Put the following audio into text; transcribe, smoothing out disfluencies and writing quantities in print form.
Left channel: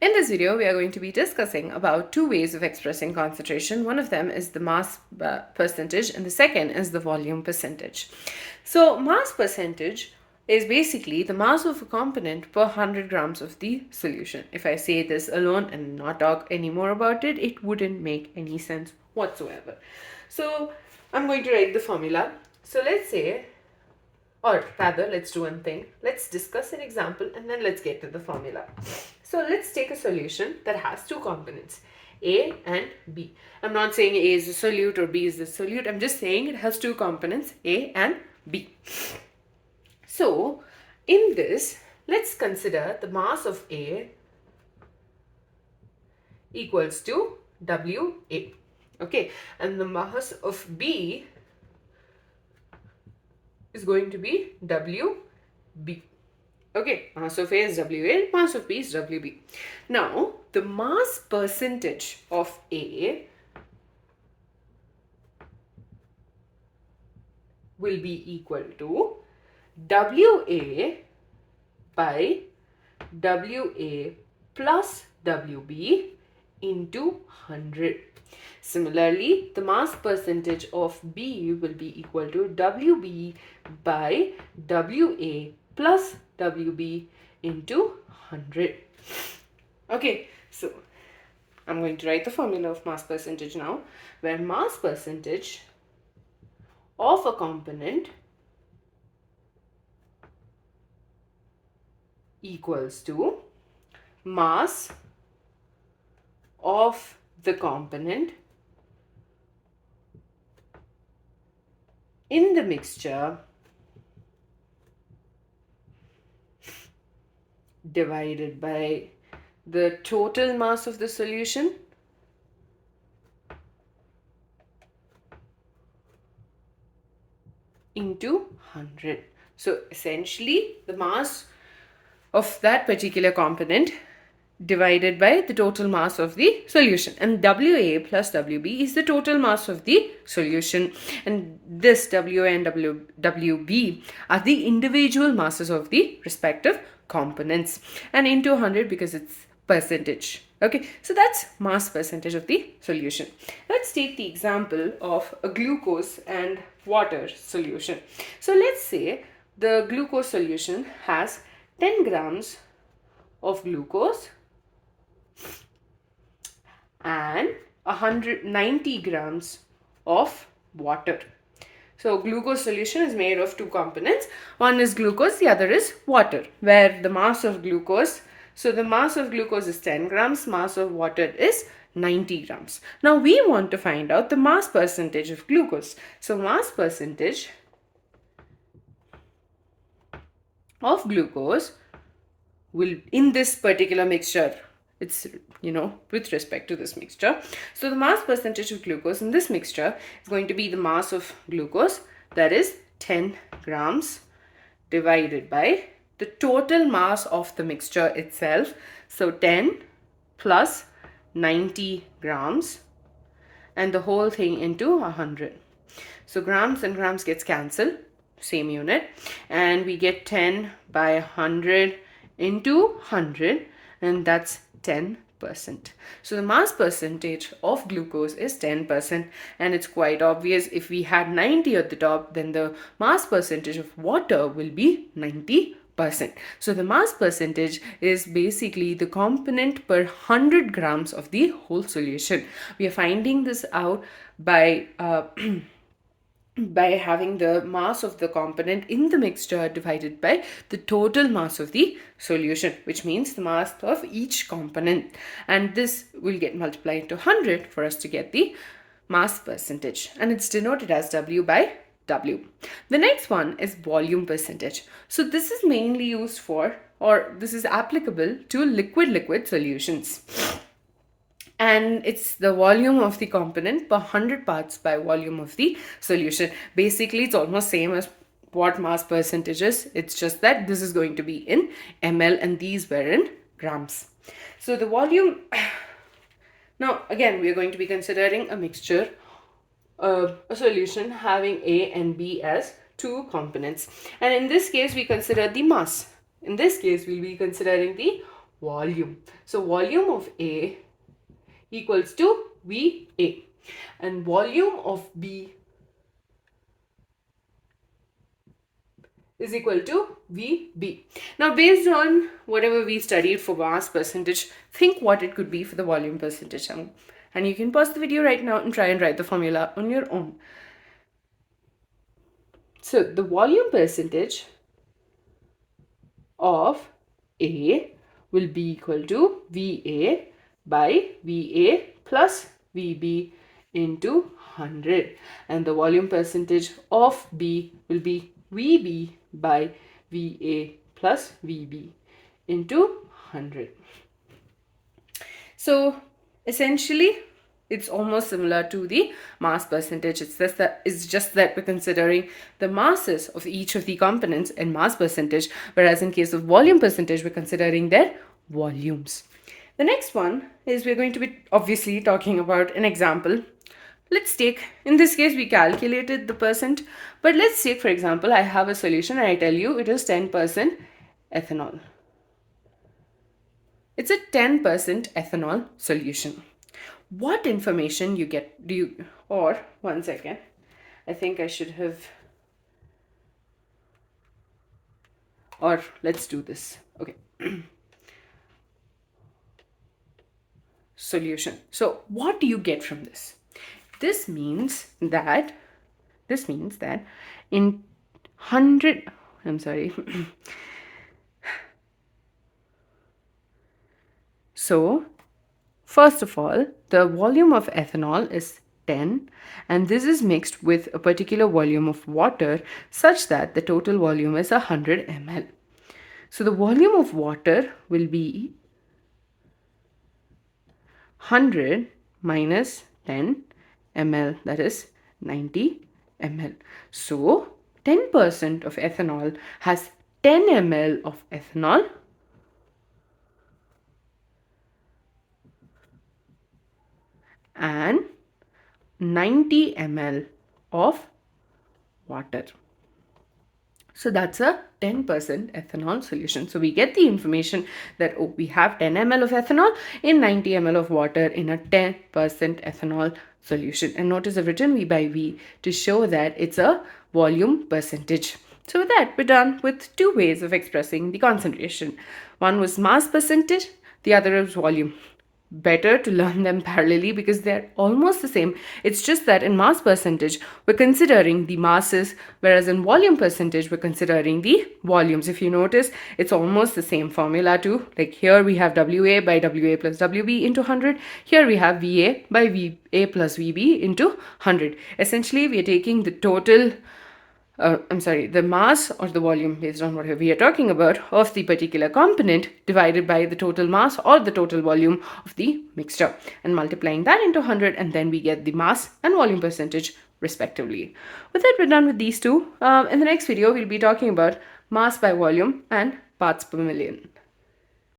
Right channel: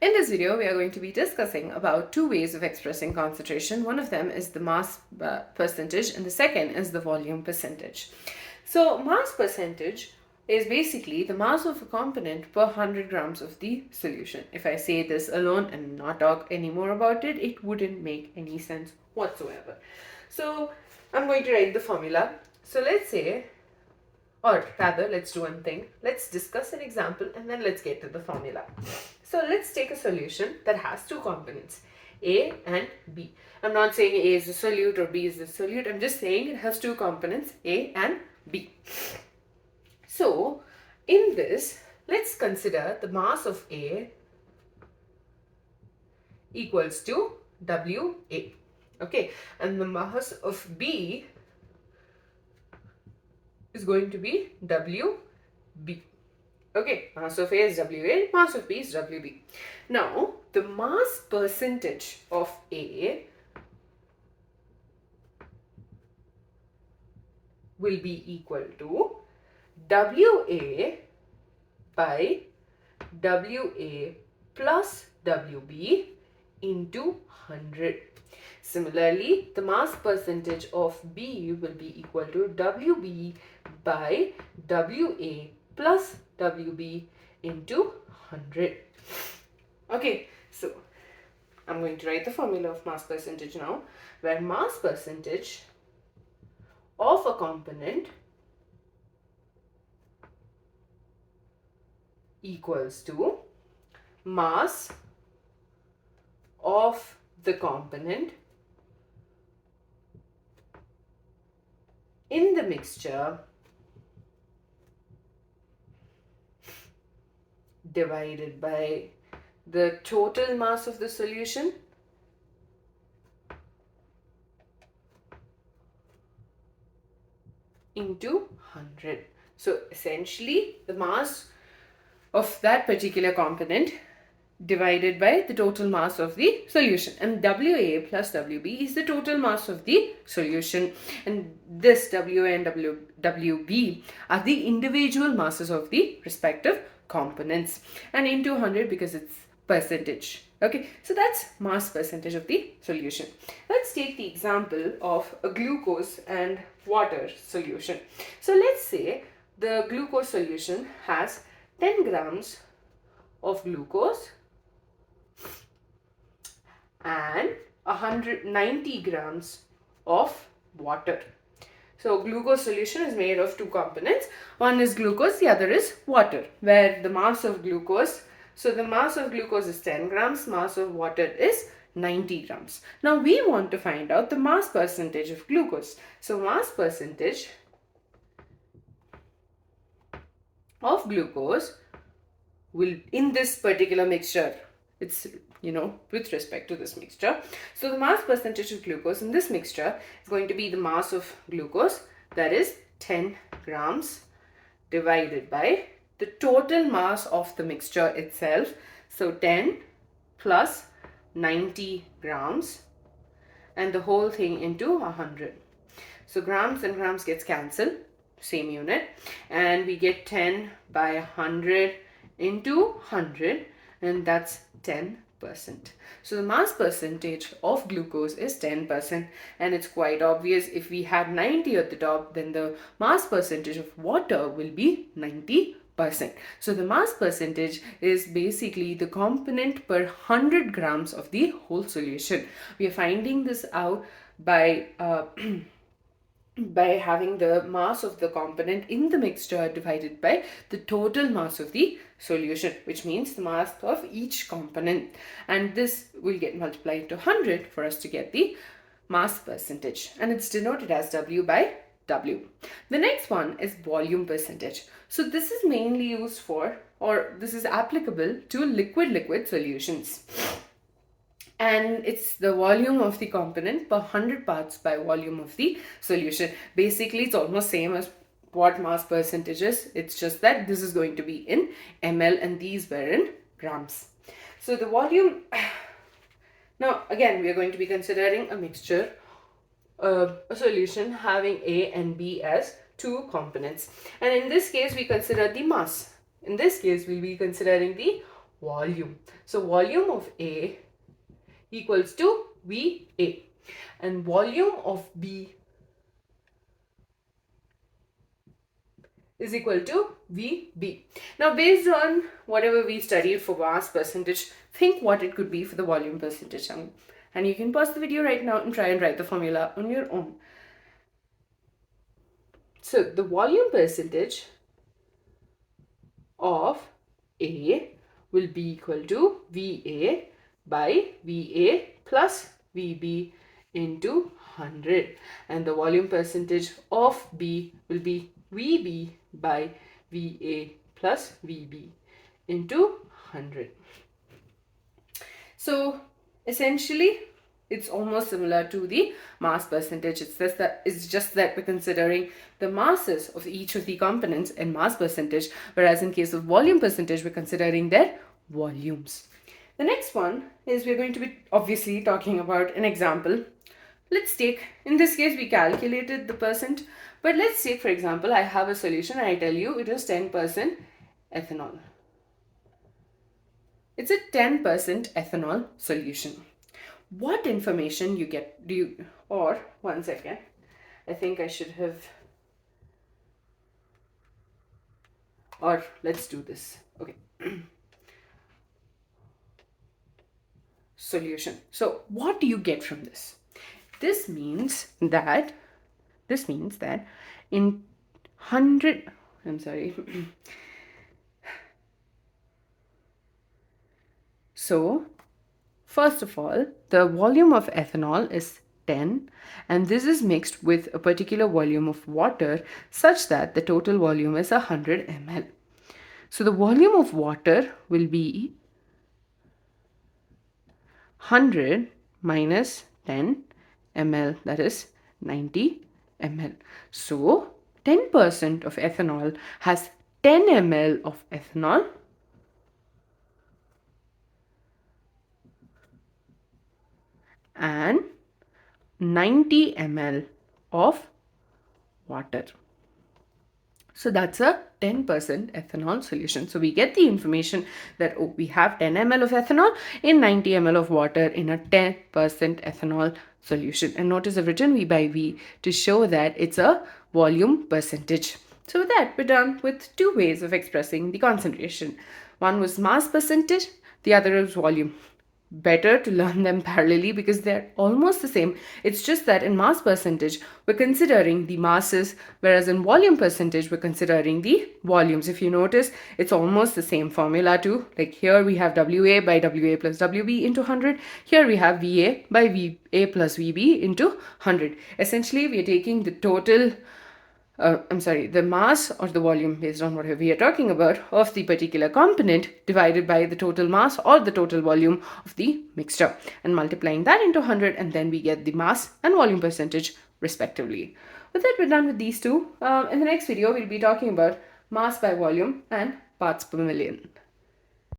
In this video, we are going to be discussing about two ways of expressing concentration. One of them is the mass percentage and the second is the volume percentage. So mass percentage is basically the mass of a component per 100 grams of the solution. If I say this alone and not talk any more about it, it wouldn't make any sense whatsoever. So I'm going to write the formula. So let's say, or rather, let's do one thing. Let's discuss an example and then let's get to the formula. So let's take a solution that has two components, A and B. I'm not saying A is the solute or B is the solute. I'm just saying it has two components, A and B. So in this, let's consider the mass of A equals to WA. Okay, and the mass of B is going to be WB. Okay, mass of A is WA, mass of B is WB. Now, the mass percentage of A will be equal to WA by WA plus WB into 100. Similarly, the mass percentage of B will be equal to WB by WA plus WB into 100. Okay, so I'm going to write the formula of mass percentage now, where mass percentage of a component equals to mass of the component in the mixture divided by the total mass of the solution into 100. So essentially the mass of that particular component divided by the total mass of the solution, and WA plus WB is the total mass of the solution, and this WA and WB are the individual masses of the respective components, and into 100 because it's percentage. Okay, so that's mass percentage of the solution. Let's take the example of a glucose and water solution. So let's say the glucose solution has 10 grams of glucose and 190 grams of water. So glucose solution is made of two components. One is glucose, the other is water, where the mass of glucose, so the mass of glucose is 10 grams, mass of water is 90 grams. Now we want to find out the mass percentage of glucose. So mass percentage of glucose will, in this particular mixture, it's, with respect to this mixture. So the mass percentage of glucose in this mixture is going to be the mass of glucose, that is 10 grams, divided by the total mass of the mixture itself. So 10 plus 90 grams and the whole thing into 100. So grams and grams gets cancelled, same unit, and we get 10 by 100 into 100, and that's 10%. So the mass percentage of glucose is 10%, and it's quite obvious. If we had 90 at the top, then the mass percentage of water will be 90%. So the mass percentage is basically the component per 100 grams of the whole solution. We are finding this out by by having the mass of the component in the mixture divided by the total mass of the solution, which means the mass of each component, and this will get multiplied to 100 for us to get the mass percentage, and it's denoted as W by W. The next one is volume percentage. So this is mainly used for, or this is applicable to liquid solutions, and it's the volume of the component per 100 parts by volume of the solution. Basically, it's almost same as what mass percentage is. It's just that this is going to be in ml and these were in grams. So the volume, now again, we are going to be considering a mixture, a solution having A and B as two components. And in this case, we consider the mass. In this case, we'll be considering the volume. So volume of A equals to VA, and volume of B is equal to VB. Now, based on whatever we studied for mass percentage, think what it could be for the volume percentage. And you can pause the video right now and try and write the formula on your own. So, the volume percentage of A will be equal to VA by VA plus VB into 100, and the volume percentage of B will be VB by VA plus VB into 100. So essentially it's almost similar to the mass percentage. It's just that we're considering the masses of each of the components in mass percentage, whereas in case of volume percentage, we're considering their volumes. The next one is we're going to be obviously talking about an example. Let's take, in this case, we calculated the percent, but let's take, for example, I have a solution and I tell you it is 10% ethanol. It's a 10% ethanol solution. What information you get, or one second, I think I should have, or let's do this. Okay. Solution. So what do you get from this? This means that in 100, I'm sorry. So first of all, the volume of ethanol is 10, and this is mixed with a particular volume of water such that the total volume is 100 ml. So the volume of water will be 100 minus 10 ml, that is 90 ml. So 10% of ethanol has 10 ml of ethanol and 90 ml of water. So that's a 10% ethanol solution. So we get the information that, oh, we have 10 ml of ethanol in 90 ml of water in a 10% ethanol solution. And notice I've written V by V to show that it's a volume percentage. So with that, we're done with two ways of expressing the concentration. One was mass percentage, the other is volume. Better to learn them parallelly because they're almost the same. It's just that in mass percentage, we're considering the masses, whereas in volume percentage, we're considering the volumes. If you notice, it's almost the same formula too. Like here we have WA by WA plus WB into 100. Here we have VA by VA plus VB into 100. Essentially, we are taking the total the mass or the volume based on whatever we are talking about of the particular component divided by the total mass or the total volume of the mixture and multiplying that into 100, and then we get the mass and volume percentage respectively. With that, we're done with these two. In the next video, we'll be talking about mass by volume and parts per million.